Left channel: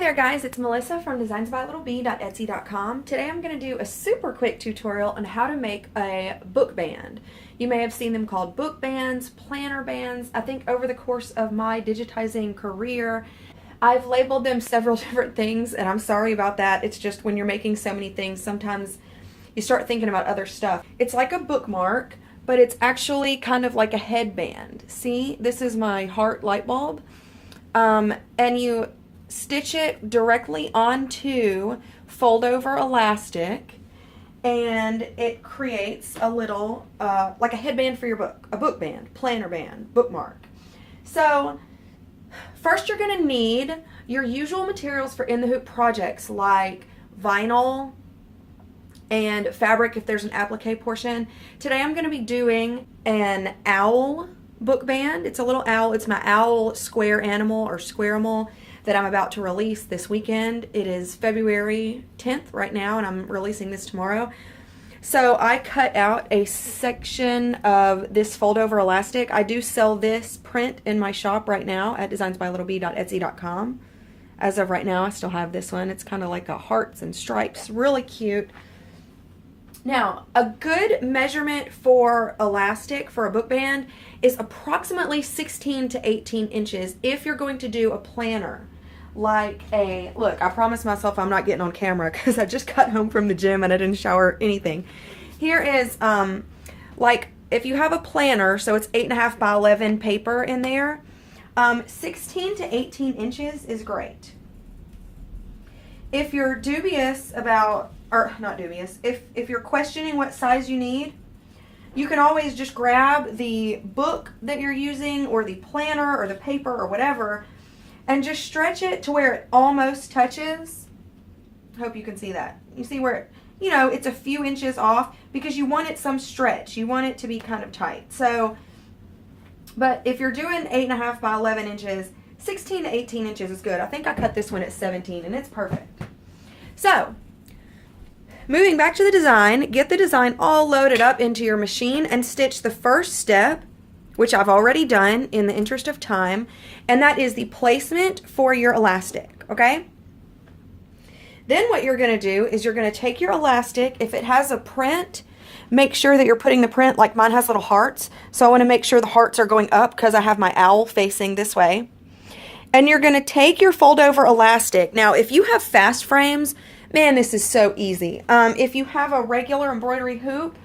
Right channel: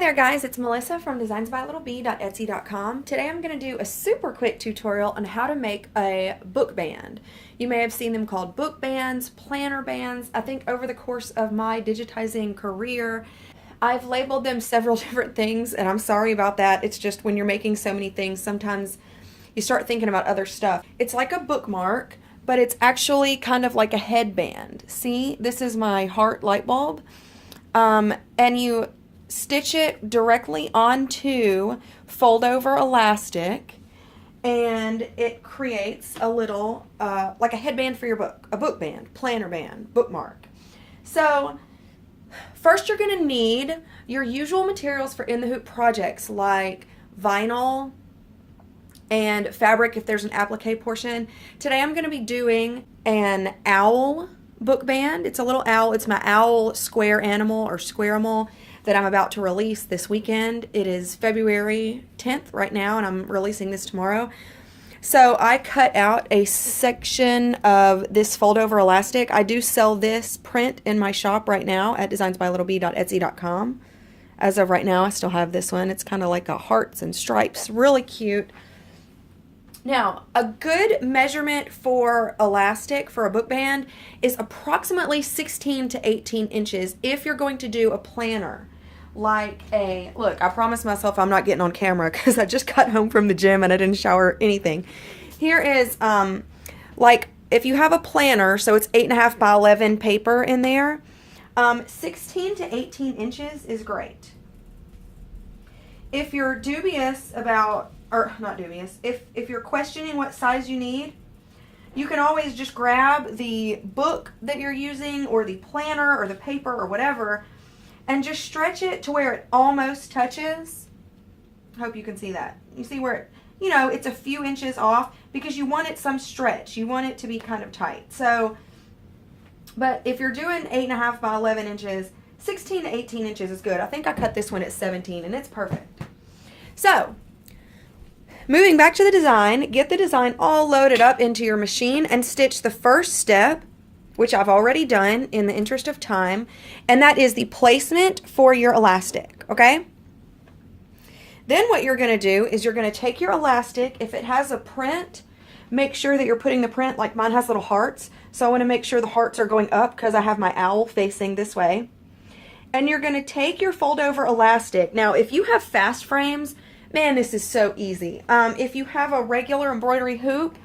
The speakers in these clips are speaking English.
there guys, it's Melissa from designsbylittlebee.etsy.com. Today I'm going to do a super quick tutorial on how to make a book band. You may have seen them called book bands, planner bands. I think over the course of my digitizing career, I've labeled them several different things, and I'm sorry about that. It's just when you're making so many things, sometimes you start thinking about other stuff. It's like a bookmark, but it's actually kind of like a headband. See, this is my heart light bulb. And you stitch it directly onto fold over elastic, and it creates a little like a headband for your book, a book band, planner band, bookmark. So first you're going to need your usual materials for in the hoop projects like vinyl and fabric if there's an applique portion. Today I'm going to be doing an owl book band. It's a little owl. It's my owl square animal or squarimal that I'm about to release this weekend. It is February 10th right now, and I'm releasing this tomorrow. So I cut out a section of this fold over elastic. I do sell this print in my shop right now at designsbylittlebee.etsy.com. As of right now, I still have this one. It's kind of like a hearts and stripes, really cute. Now, a good measurement for elastic for a book band is approximately 16 to 18 inches if you're going to do a planner. Like a, look, I promised myself I'm not getting on camera because I just got home from the gym and I didn't shower or anything. Here is, like, if you have a planner, so it's 8.5 by 11 paper in there, 16 to 18 inches is great. If you're dubious about, or not dubious, if you're questioning what size you need, you can always just grab the book that you're using or the planner or the paper or whatever and just stretch it to where it almost touches. I hope you can see that. You see where it, you know, it's a few inches off because you want it some stretch. You want it to be kind of tight. So, but if you're doing 8.5 by 11 inches, 16 to 18 inches is good. I think I cut this one at 17 and it's perfect. So, moving back to the design, get the design all loaded up into your machine and stitch the first step, which I've already done in the interest of time, and that is the placement for your elastic, okay? Then what you're going to do is you're going to take your elastic. If it has a print, make sure that you're putting the print, like mine has little hearts, so I want to make sure the hearts are going up because I have my owl facing this way. And you're going to take your fold over elastic. Now, if you have fast frames, man, this is so easy. If you have a regular embroidery hoop,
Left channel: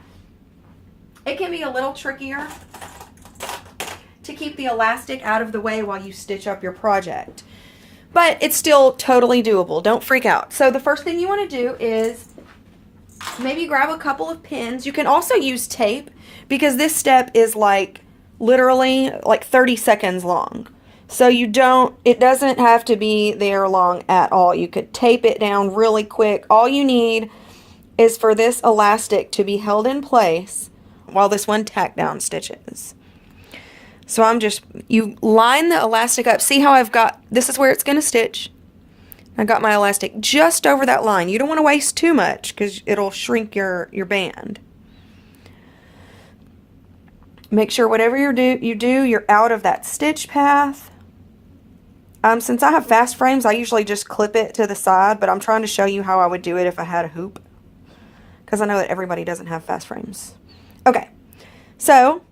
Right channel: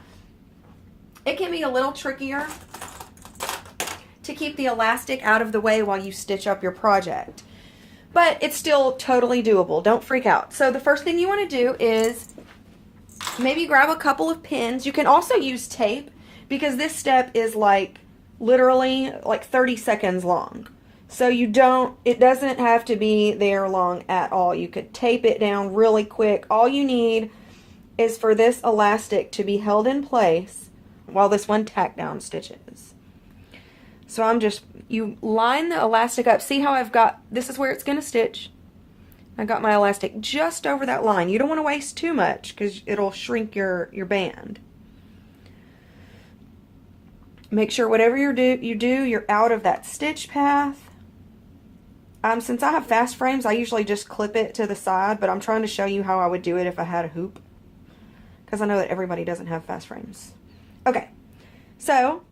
it can be a little trickier to keep the elastic out of the way while you stitch up your project. But it's still totally doable. Don't freak out. So the first thing you want to do is maybe grab a couple of pins. You can also use tape because this step is like literally like 30 seconds long. So it doesn't have to be there long at all. You could tape it down really quick. All you need is for this elastic to be held in place while this one tack down stitches. So you line the elastic up. See how this is where it's going to stitch. I got my elastic just over that line. You don't want to waste too much because it'll shrink your band. Make sure whatever you do, you're out of that stitch path. Since I have fast frames, I usually just clip it to the side, but I'm trying to show you how I would do it if I had a hoop, because I know that everybody doesn't have fast frames. Okay, so,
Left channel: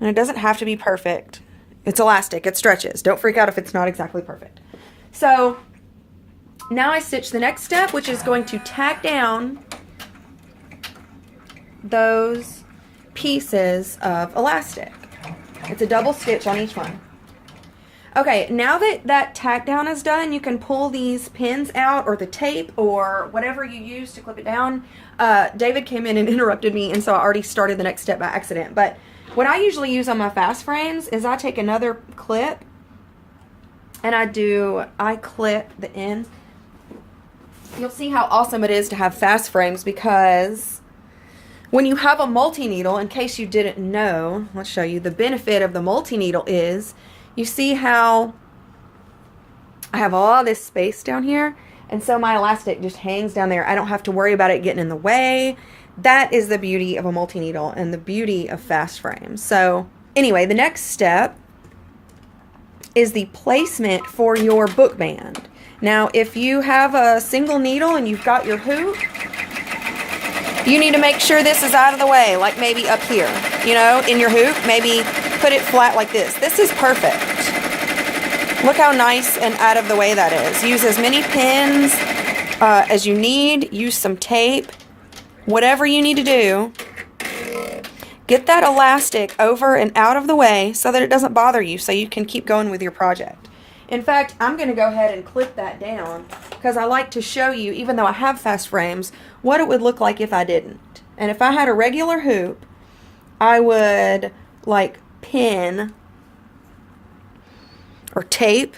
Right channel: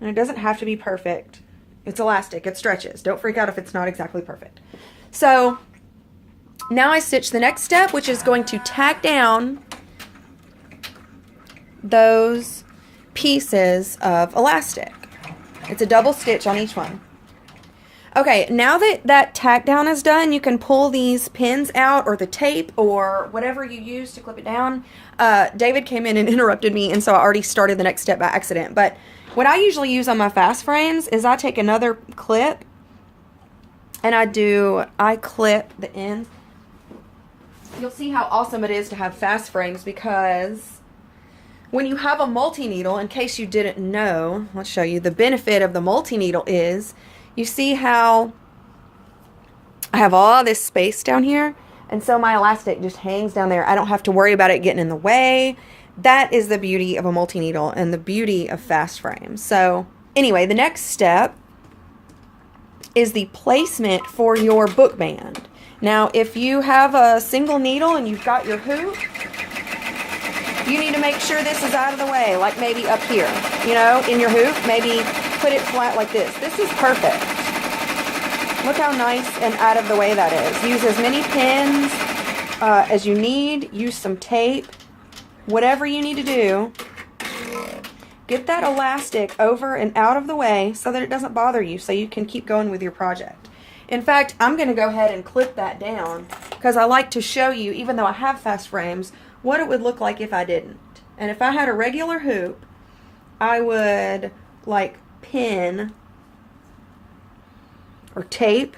and it doesn't have to be perfect. It's elastic, it stretches. Don't freak out if it's not exactly perfect. So, now I stitch the next step, which is going to tack down those pieces of elastic. It's a double stitch on each one. Okay, now that tack down is done, you can pull these pins out or the tape or whatever you use to clip it down. David came in and interrupted me, and so I already started the next step by accident. But what I usually use on my fast frames is I take another clip and I clip the ends. You'll see how awesome it is to have fast frames because when you have a multi-needle, in case you didn't know, I'll show you the benefit of the multi-needle is you see how I have all this space down here, and so my elastic just hangs down there. I don't have to worry about it getting in the way. That is the beauty of a multi-needle and the beauty of fast frames. So anyway, the next step is the placement for your book band. Now, if you have a single needle and you've got your hoop, you need to make sure this is out of the way, like maybe up here, you know, in your hoop. Maybe put it flat like this. This is perfect. Look how nice and out of the way that is. Use as many pins as you need. Use some tape. Whatever you need to do. Get that elastic over and out of the way so that it doesn't bother you, so you can keep going with your project. In fact, I'm going to go ahead and clip that down because I like to show you, even though I have fast frames, what it would look like if I didn't. And if I had a regular hoop, I would like pin or tape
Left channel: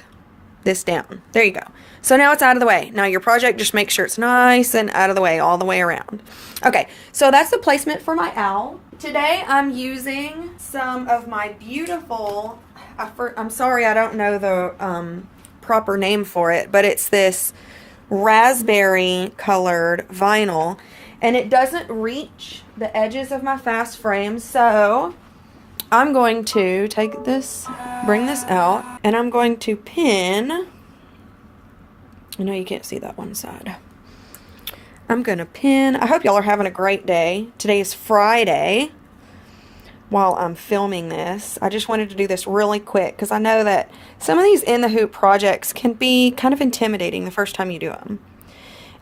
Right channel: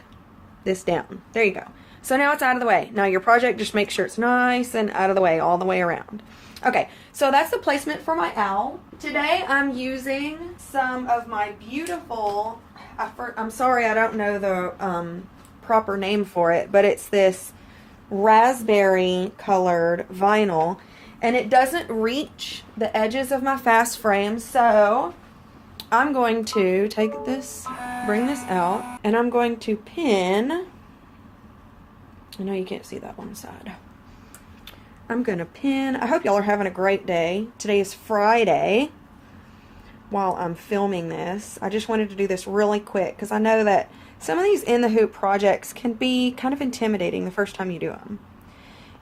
this down. There you go. So now it's out of the way. Now your project, just make sure it's nice and out of the way all the way around. Okay, so that's the placement for my owl. Today I'm using some of my beautiful, I'm sorry I don't know the proper name for it, but it's this raspberry colored vinyl, and it doesn't reach the edges of my fast frame, so I'm going to take this, bring this out, and I'm going to pin. I know you can't see that one side. I'm going to pin. I hope y'all are having a great day. Today is Friday while I'm filming this. I just wanted to do this really quick because I know that some of these in the hoop projects can be kind of intimidating the first time you do them.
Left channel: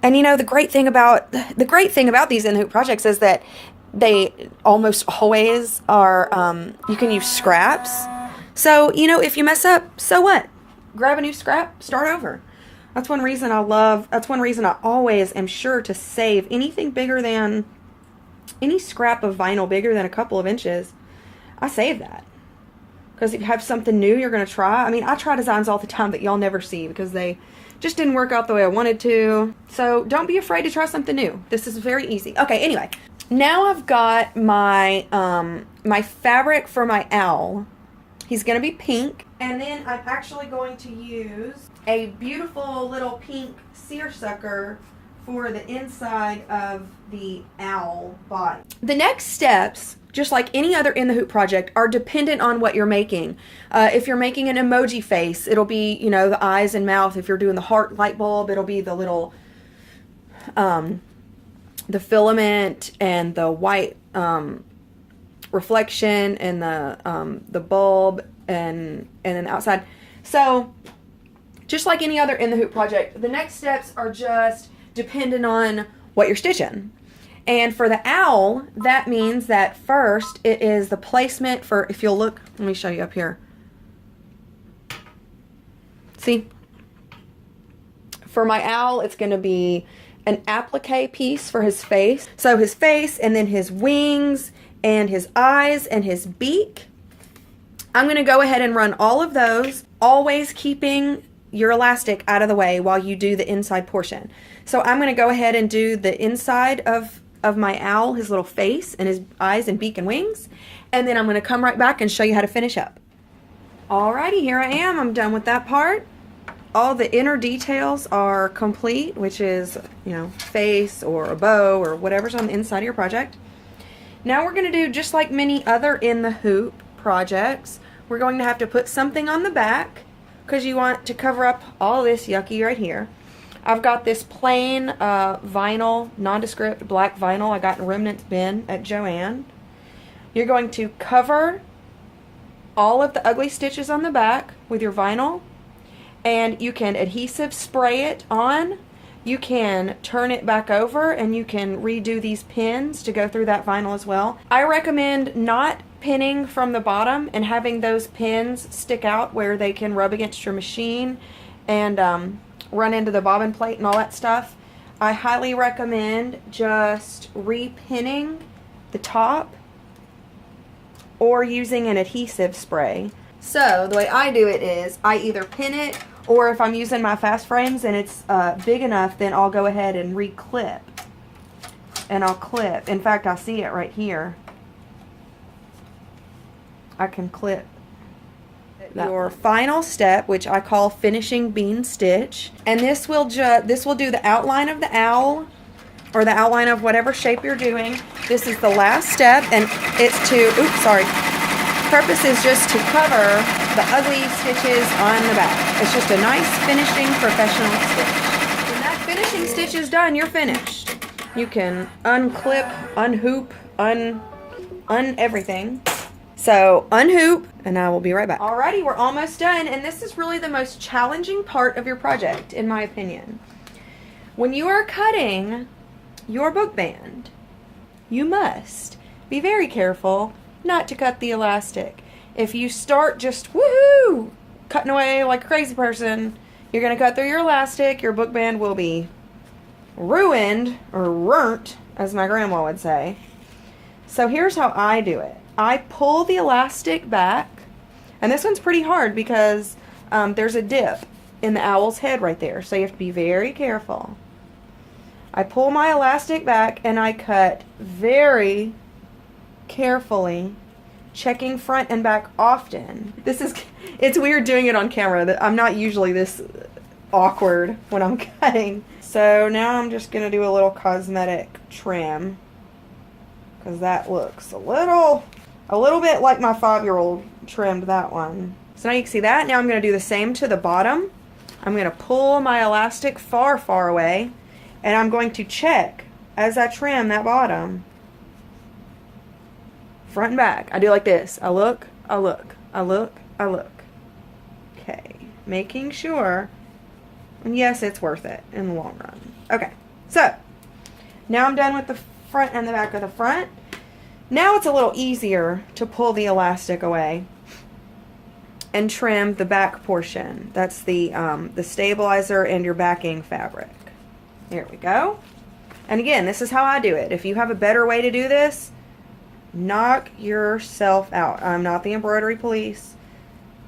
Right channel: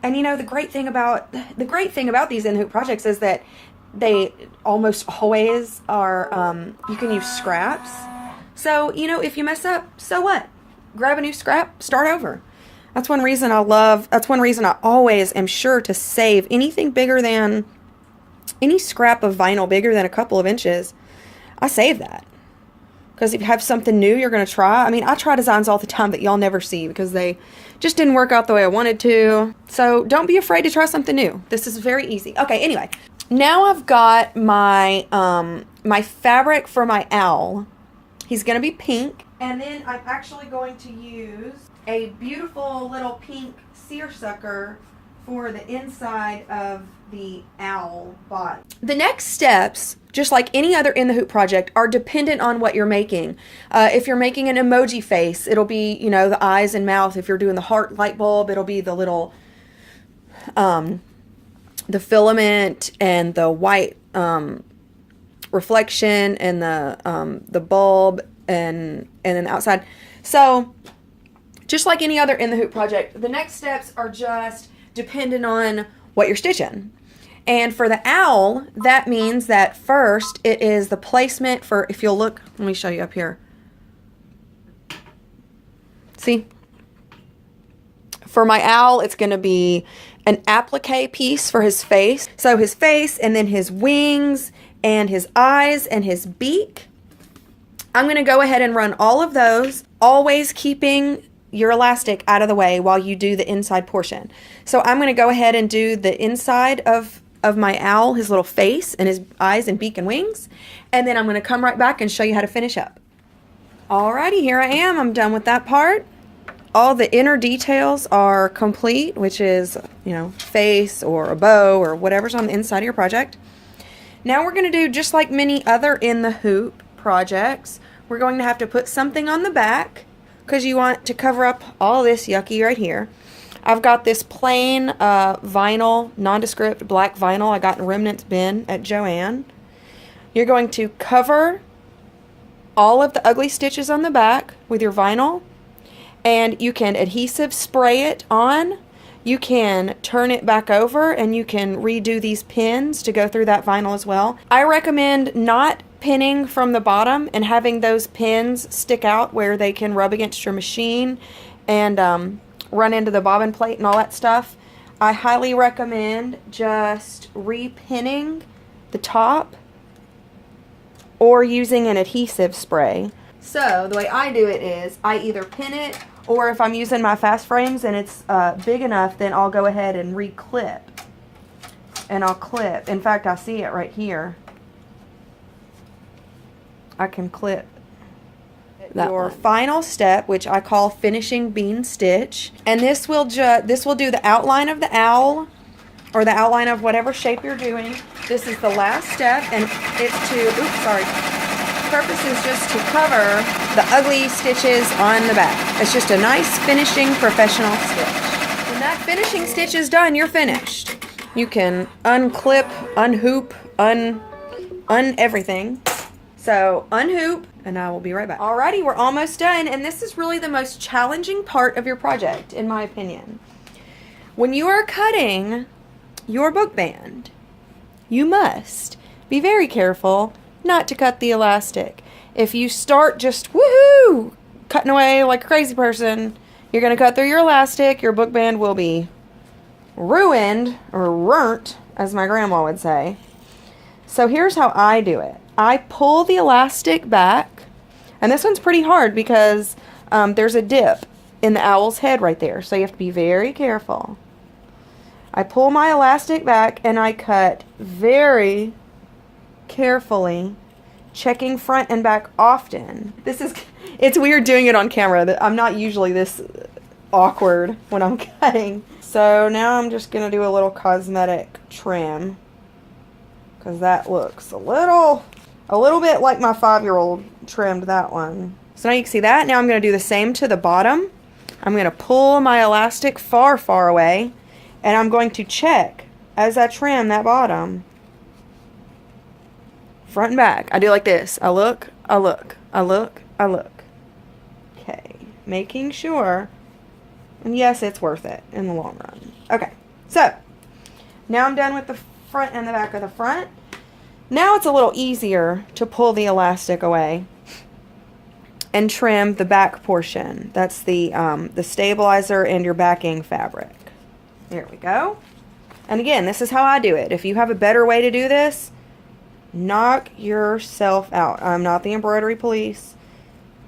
And you know, the great thing about these in the hoop projects is that they almost always are, you can use scraps. So, you know, if you mess up, so what? Grab a new scrap, start over. That's one reason I always am sure to save anything bigger than, any scrap of vinyl bigger than a couple of inches. I save that. Because if you have something new you're going to try, I mean, I try designs all the time that y'all never see because they just didn't work out the way I wanted to. So don't be afraid to try something new. This is very easy. Okay, anyway. Now I've got my, my fabric for my owl. He's going to be pink. And then I'm actually going to use a beautiful little pink seersucker for the inside of the owl body. The next steps, just like any other in the hoop project, are dependent on what you're making. If you're making an emoji face, it'll be, you know, the eyes and mouth. If you're doing the heart light bulb, it'll be the little, the filament and the white reflection and the bulb and then the outside. So just like any other in the hoop project, the next steps are just dependent on what you're stitching. And for the owl, that means that first it is the placement for, if you'll look, let me show you up here. See? For my owl, it's going to be an applique piece for his face. So his face and then his wings and his eyes and his beak. I'm going to go ahead and run all of those, always keeping your elastic out of the way while you do the inside portion. So I'm going to go ahead and do the inside of my owl, his little face and his eyes and beak and wings, and then I'm going to come right back and show you how to finish up. Alrighty, here I am. I'm done with that part. All the inner details are complete, which is, you know, face or a bow or whatever's on the inside of your project. Now we're going to do just like many other in the hoop projects. We're going to have to put something on the back because you want to cover up all this yucky right here. I've got this plain vinyl, nondescript black vinyl I got in Remnant's bin at Joann. You're going to cover all of the ugly stitches on the back with your vinyl, and you can adhesive spray it on. You can turn it back over and you can redo these pins to go through that vinyl as well. I recommend not pinning from the bottom and having those pins stick out where they can rub against your machine and run into the bobbin plate and all that stuff. I highly recommend just repinning the top or using an adhesive spray. So the way I do it is I either pin it, or if I'm using my fast frames and it's big enough, then I'll go ahead and re-clip. And I'll clip. In fact, I see it right here. I can clip. Your final step, which I call finishing bean stitch, and this will do the outline of the owl, or the outline of whatever shape you're doing. This is the last step, and it's to, oops, sorry. The purpose is just to cover the ugly stitches on the back. It's just a nice finishing professional stitch. When that finishing stitch is done, you're finished. You can unclip, unhoop, un everything. So unhoop, and I will be right back. Alrighty, we're almost done, and this is really the most challenging part of your project, in my opinion. When you are cutting your book band, you must be very careful not to cut the elastic. If you start just woohoo, cutting away like a crazy person, you're going to cut through your elastic. Your book band will be ruined, or runt, as my grandma would say. So here's how I do it. I pull the elastic back, and this one's pretty hard because there's a dip in the owl's head right there, so you have to be very careful. I pull my elastic back and I cut very carefully, checking front and back often. It's weird doing it on camera. I'm not usually this awkward when I'm cutting. So now I'm just going to do a little cosmetic trim, because that looks a little bit like my 5-year-old trimmed that one. So now you can see that. Now I'm going to do the same to the bottom. I'm going to pull my elastic far, far away, and I'm going to check as I trim that bottom. Front and back. I do like this. I look, I look, I look, I look. Okay. Making sure. And yes, it's worth it in the long run. Okay. So, now I'm done with the front and the back of the front. Now it's a little easier to pull the elastic away and trim the back portion. That's the stabilizer and your backing fabric. There we go. And again, this is how I do it. If you have a better way to do this, knock yourself out. I'm not the embroidery police.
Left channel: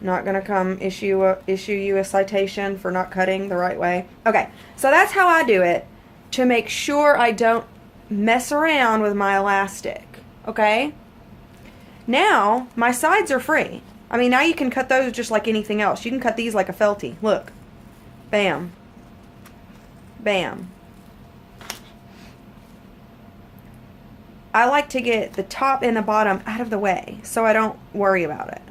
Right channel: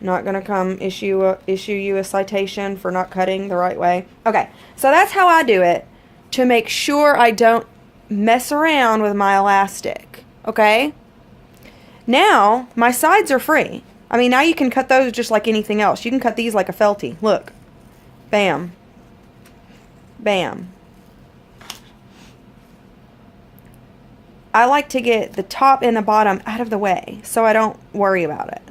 I'm not going to come issue you a citation for not cutting the right way. Okay, so that's how I do it to make sure I don't mess around with my elastic. Okay? Now, my sides are free. I mean, now you can cut those just like anything else. You can cut these like a felty. Look. Bam. Bam. I like to get the top and the bottom out of the way so I don't worry about it.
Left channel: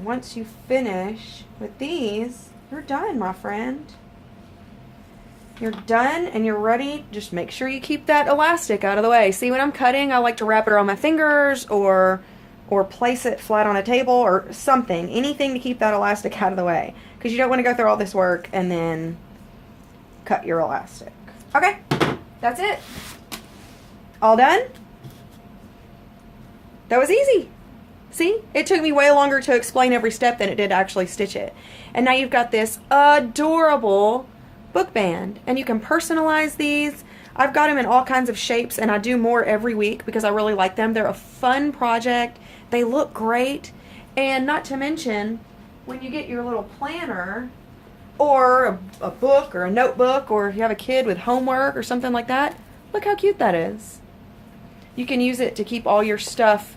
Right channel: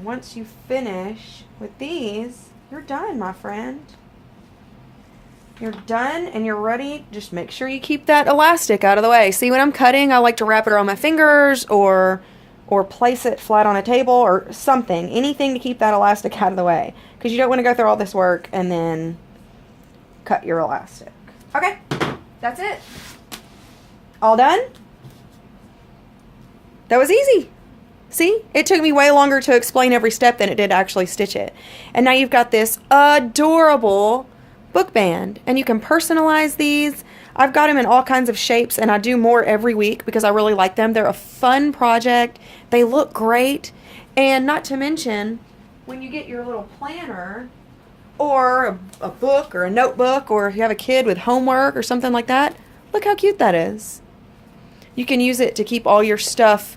Once you finish with these, you're done, my friend. You're done and you're ready. Just make sure you keep that elastic out of the way. See, when I'm cutting, I like to wrap it around my fingers or place it flat on a table or something. Anything to keep that elastic out of the way. Because you don't want to go through all this work and then cut your elastic. Okay, that's it. All done? That was easy. See? It took me way longer to explain every step than it did to actually stitch it. And now you've got this adorable book band. And you can personalize these. I've got them in all kinds of shapes, and I do more every week because I really like them. They're a fun project. They look great. And not to mention, when you get your little planner or a book or a notebook, or if you have a kid with homework or something like that, look how cute that is. You can use it to keep all your stuff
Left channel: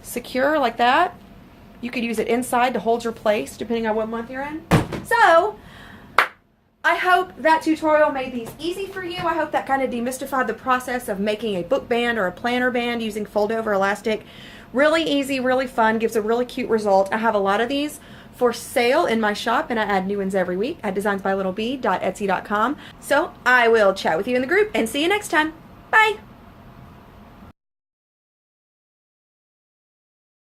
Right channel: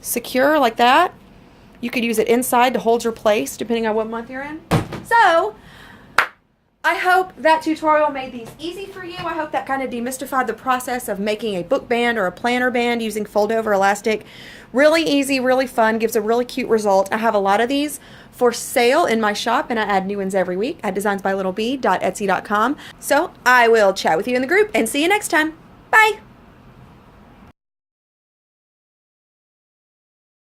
secure like that. You could use it inside to hold your place depending on what month you're in. So, I hope that tutorial made these easy for you. I hope that kind of demystified the process of making a book band or a planner band using fold over elastic. Really easy, really fun, gives a really cute result. I have a lot of these for sale in my shop, and I add new ones every week at designsbylittlebee.etsy.com. So I will chat with you in the group and see you next time. Bye!